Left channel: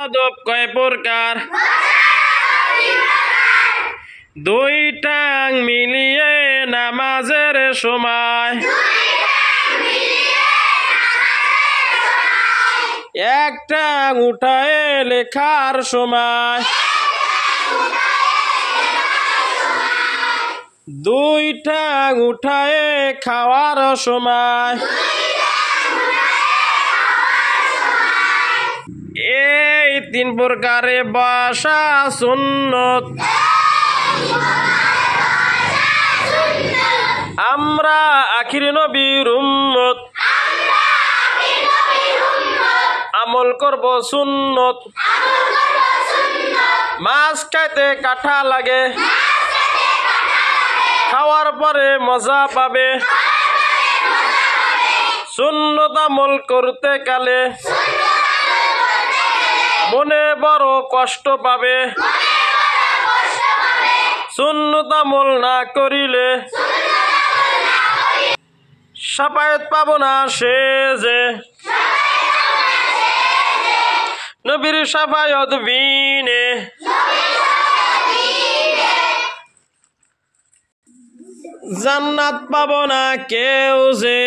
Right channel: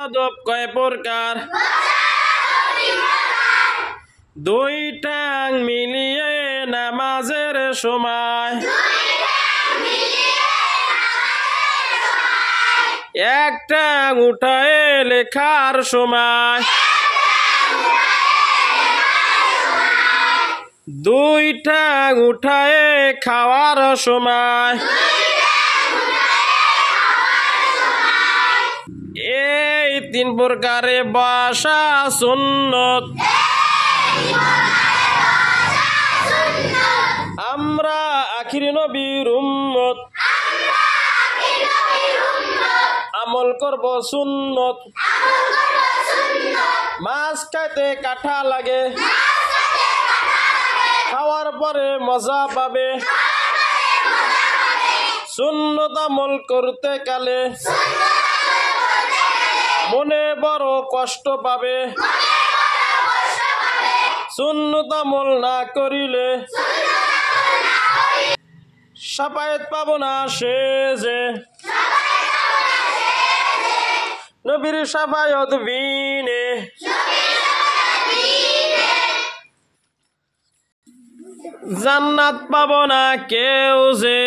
আদব কয় প্রকার দুই টাং মিলিয়ে নামাজের সময় এক টাং উঠায় লেখার সময় দুই টাং উঠায় খাওয়ার সময় এই তিন প্রকারে বসা সুন্নত আমরা আখির নবীর উম্মত আমল করব সুন্নত মাছ খাইতে কাঁঠা লাগে খাওয়ার পরে মজা পাবে সুন্নত আমল করতে কালে মনে বড় কষ্ট পাবে সুন্নত আমল না করিলে শাফায়াত পাব না সে যে নবীর শাফায়াত বিনে জান্নাত পাব না কেউ যে